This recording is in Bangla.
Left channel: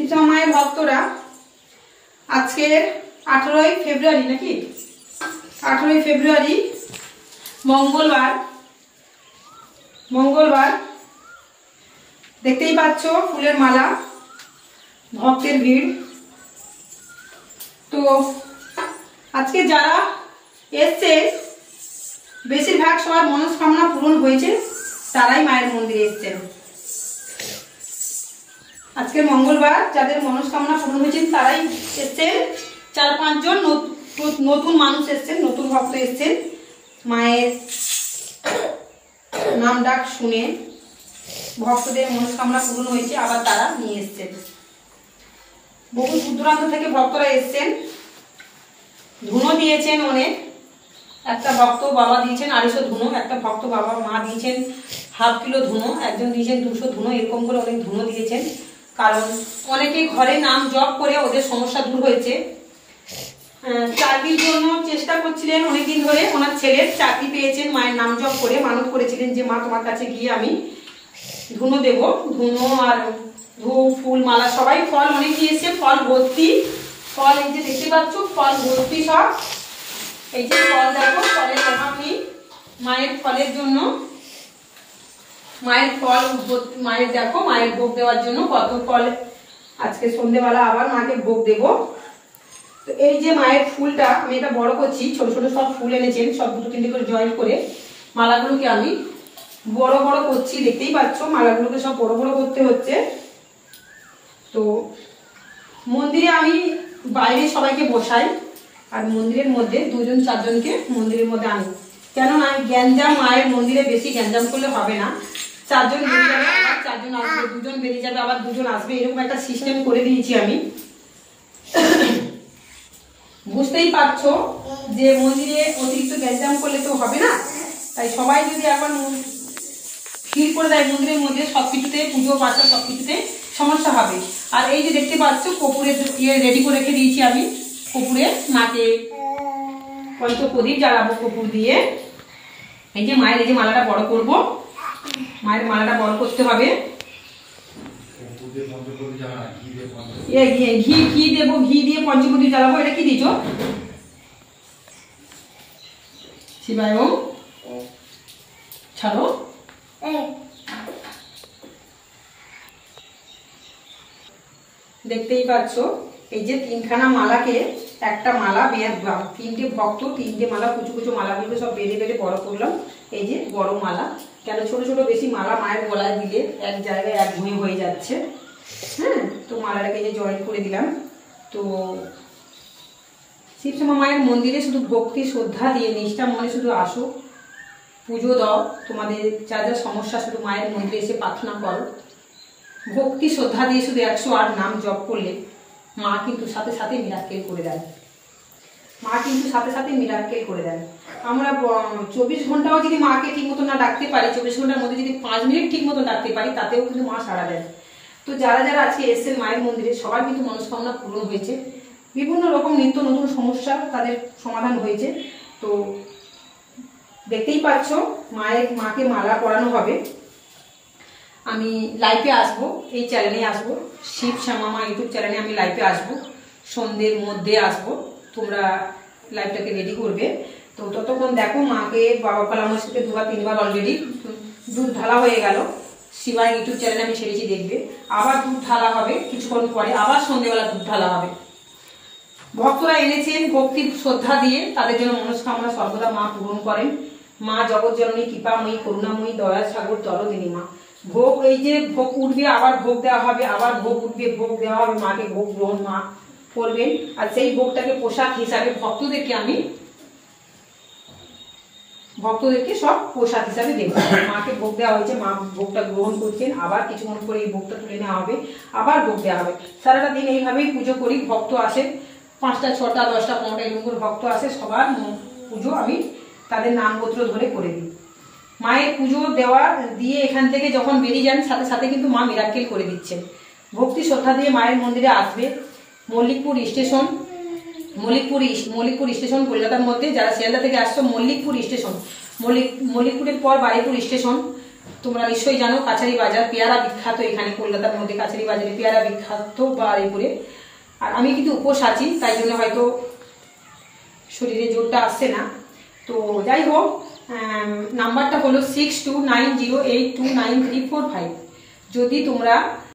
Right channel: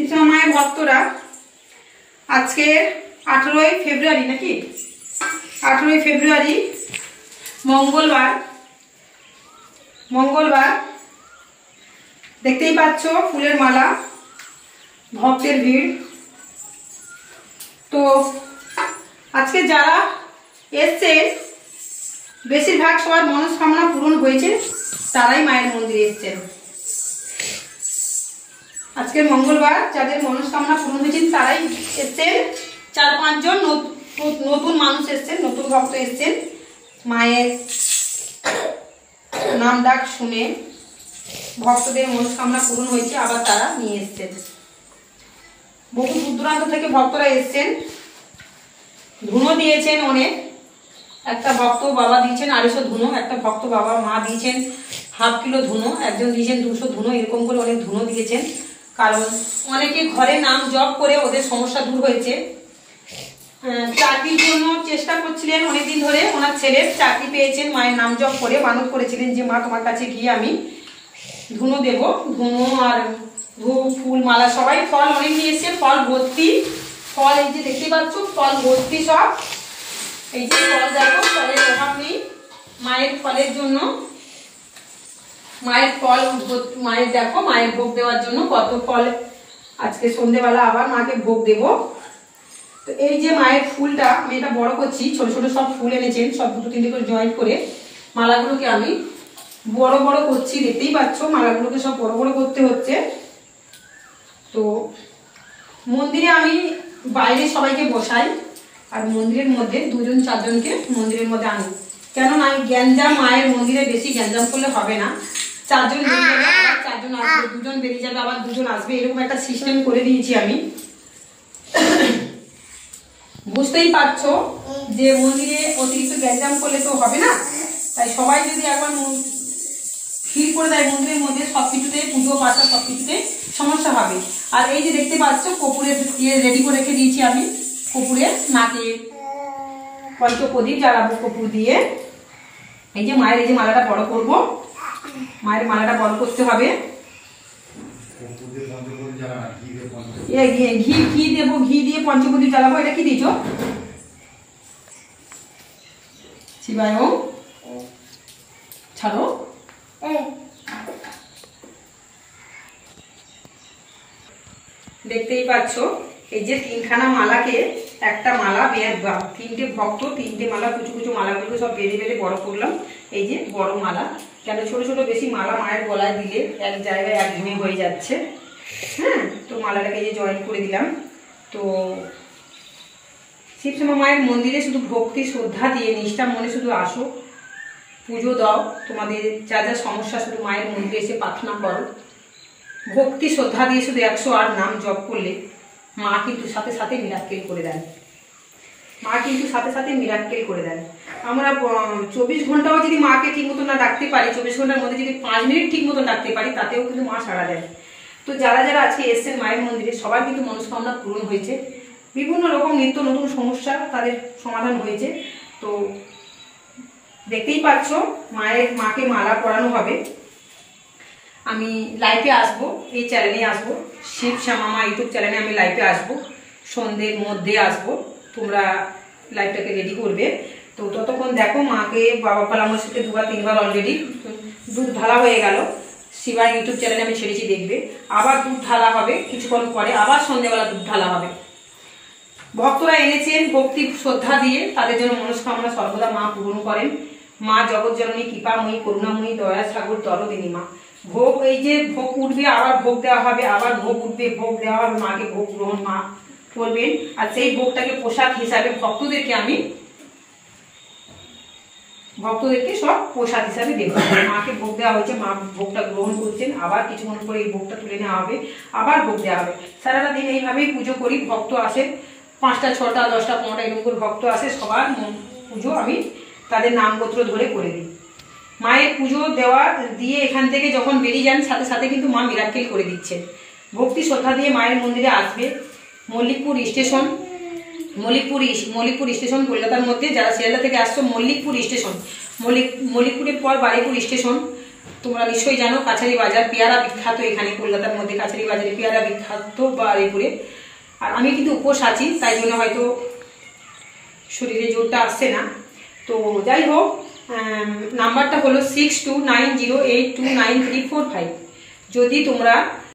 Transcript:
শ্রীশ্যামা মায়ের ভক্তরা আজকে 18ই ফেব্রুয়ারি নাকি 18ই ফেব্রুয়ারি মঙ্গলবার দেখতেই পাচ্ছ ফুলের মালা, ভক্তের ভিড়। তো আজকে যারা এসছে বেশিরভাগ সবার মনস্কামনা পূরণ হয়েছে, তারাই মায়ের মন্দিরে এসছেন। আজকে মঙ্গলবার যাদের মনস্কামনা পূরণ হয়েছে তারাই এসছেন। 4-5 জন নতুন মানুষ এসছেন, নতুন ভক্ত এসছেন। মায়ের নাম ডাক শুনে ভক্তদের মনস্কামনা পূরণ হয়েছে, আবার তারা নিয়ে এসছেন। বহু দূর দূরান্ত থেকে ভক্তরা এসছেন, ধুনো দিয়েছেন অনেক। একটা ভক্ত বাবা দিয়েছেন 250 ধুনো, একটা ভক্ত বাবা মা দিয়েছেন ½ কিলো ধুনো, একজন দিয়েছেন 200 ধুনো, এরকম করে অনেক ধুনো দিয়েছেন। কারণ অনেকে ঘরে নাম জপ করে ওদের সমস্যা দূর হয়েছে। চাকরির জন্য চেষ্টা করছিলেন অনেকদিন ধরে, ওনার ছেলের চাকরি পেয়েছেন মায়ের নাম জপ করে। মানত করেছিলেন যে মা তোমার কাছে গিয়ে আমি ধুনো দেব, ধুনো আর ধূপ ফুল মালা সবাই ফল অনেক নিয়ে এসছে, ফল ভর্তি। ফল এই যে দেখতে পাচ্ছ, ফল ভর্তি সব। এই যে ফল দেখো, ফলের অভাব নেই মায়ের ফলের জন্য। মায়ের ফল মায়ের দেখো, মায়ের ভোগ দেওয়ার জন্য কত ফল। আজকে সন্ধ্যেবেলা আবার মাকে ভোগ দেব। তো এই যে মায়ের ফুলটা আমি এটা বড় করছি, ছোট ছোট সব ফুল এনেছেন, সব 2-3টে করে জয়েন্ট করে মালাগুলোকে আমি বড় বড় করছি। দেখতেই পাচ্ছ মালাগুলোকে সব বড় বড় করতে হচ্ছে। তো মন্দিরে আমি বাইরে সবাইকে বসাই, আর মন্দিরের মধ্যে 2-4 জনকে মন্দিরের মধ্যে আনি। কেননা গ্যাঞ্জাম মায়ের মন্দিরে বেশি গ্যাঞ্জাম করলে হবে না। 4 জন বেরিয়ে যাবে, আবার 4 জন আসবে, 2 জন বেরিয়ে যাবে, আবার 2 জন আসবে, এরকম একটা সিস্টেম করে দিয়েছি আমি। বুঝতেই পারছো যে মন্দিরে অতিরিক্ত গ্যাঞ্জাম করলে তো হবে না, তাই সবাই যদি একবার ভিড় করে দেয় মন্দিরের মধ্যে, সবকিছুতে পুজো পাঠা সবকিছুতে সমস্যা হবে। আর এই যে দেখতে পাচ্ছ কপুরের রেডি করে রেখে দিয়েছি আমি। কপুরে মাকে পঞ্চপ্রদীপ জ্বালাবো কপুর দিয়ে। এই যে মায়ের এই যে মালাটা বড় করব, মায়ের মালাটা বড় করতে হবে। ঘি দেবো, ঘি দিয়ে পঞ্চপ্রদীপ জ্বালাবো। এটা কি দিচ্ছ শিবায়? ছাড়ো। দেখতেই পাচ্ছ এই যে 3খানা মালাকে, একটা মালা 3টে ভক্ত 3টে মালা, কুচু কুচু মালাগুলো সব বেঁধে বেঁধে বড় করলাম। এই যে বড় মালা, কেন ছোট ছোট বেশি মালা মায়ের গলায় দিলে এক জায়গায় এক ঘুমে হয়ে যাচ্ছে। হ্যাঁ, তো মালাটাকে এই যে জয়েন করে দিলাম। তো শিবশ্যামা মায়ের মন্দিরে শুধু ভক্তি শ্রদ্ধা দিয়ে নিষ্ঠা মনে শুধু আসো, পুজো দাও, তোমাদের যা যা সমস্যা শুধু মায়ের মন্দিরে এসে প্রার্থনা করো। ভক্তি শ্রদ্ধা দিয়ে শুধু 108 নাম জপ করলে মা কিন্তু সাথে সাথে মিরাক্কেল করে দেন। মা কিন্তু সাথে সাথে মিরাক্কেল করে দেন। আমরা 24 ঘন্টাও যদি মাকে ঠিক মতো না ডাকতে পারি, 24 ঘন্টার মধ্যে যদি 5 মিনিট ঠিক মতো ডাকতে পারি, তাতেও কিন্তু মা সাড়া দেন। তো যারা যারা আজকে এসছেন মায়ের মন্দিরে সবার কিন্তু মনস্কামনা পূরণ হয়েছে। বিভিন্ন রকম নিত্য নতুন সমস্যা তাদের সমাধান হয়েছে। তো দেখতেই পাচ্ছ মাকে মালা পরানো হবে। আমি লাইভে আসবো, এই চ্যানেলে আসবো, শিবশ্যামা মা ইউটিউব চ্যানেলে আমি লাইভে আসবো, সন্ধ্যের মধ্যে আসবো। তোমরা লাইভটাকে রেডি করবে। তো ততক্ষণ দেখো মাকে বাবা কালামের সাথে 2-3 বার অলরেডি দুধ ঢালা হয়ে গেল। শিবা ইউটিউব চ্যানেলে আমি ছেড়েছি, দেখবে। আবার দুধ ঢালা হবে কিছুক্ষণ পরে, আবার সন্ধ্যেবেলা দুধ ঢালা হবে। ভক্তরা এনেছেন ভক্তি শ্রদ্ধা দিয়ে, তাদের জন্য মনস্কামনা সর্বদা মা পূরণ করেন। মা জগৎজননী কৃপাময়ী করুণাময়ী দয়া সাগর দরদিনী মা। ভোগ এই যে ভোগ উঠবে, আবার ভোগ দেওয়া হবে, আবার ভোগ উঠবে, ভোগ দেওয়া হবে, মাকে ভোগ গ্রহণ মা করবেন। আর সেই ভোগটাকে পোশাক হিসাবে ভক্তদেরকে সব পোশাক হিসাবে দেব। মাকে ভোগ দেওয়া হয়েছে, মা ভোগটা গ্রহণ করছেন। আবার কিছুক্ষণ পরে এই ভোগটা তুলে নেওয়া হবে, আবার ভোগ দেওয়া হবে। সারাটা দিন এইভাবেই পুজো করি। ভক্ত আসেন 5টা 6টা 10টা 15টা এরকম করে ভক্ত আসে। সবার পুজো আমি তাদের নামপত্র ধরে করে দিই। মায়ের পুজো দেওয়া দিয়ে এখান থেকে যখন বেরিয়ে যান, সাথে সাথে কিন্তু মা মিরাক্কেল করে দিচ্ছেন। ভক্তি শ্রদ্ধা দিয়ে মায়ের মন্দিরে আসবে। মল্লিকপুর স্টেশন, মল্লিকপুর স্টেশন কলকাতার মধ্যে। যারা শিয়ালদা থেকে আসছো, মল্লিকপুর স্টেশন, মল্লিকপুরের পর বারুইপুর স্টেশন, তোমরা নিশ্চয়ই জানো কাছারি বাজার পেয়ারা বিখ্যাত, এখানে কলকাতার মধ্যে কাছারি বাজারে পেয়ারা বিখ্যাত বারুইপুরে। আর আমি কিন্তু উপোস আছি, তাই জন্য হয়তো শরীরে জোরটা আসছে না। তো যাই হোক, নাম্বারটা হলো 6290829345। যদি তোমরা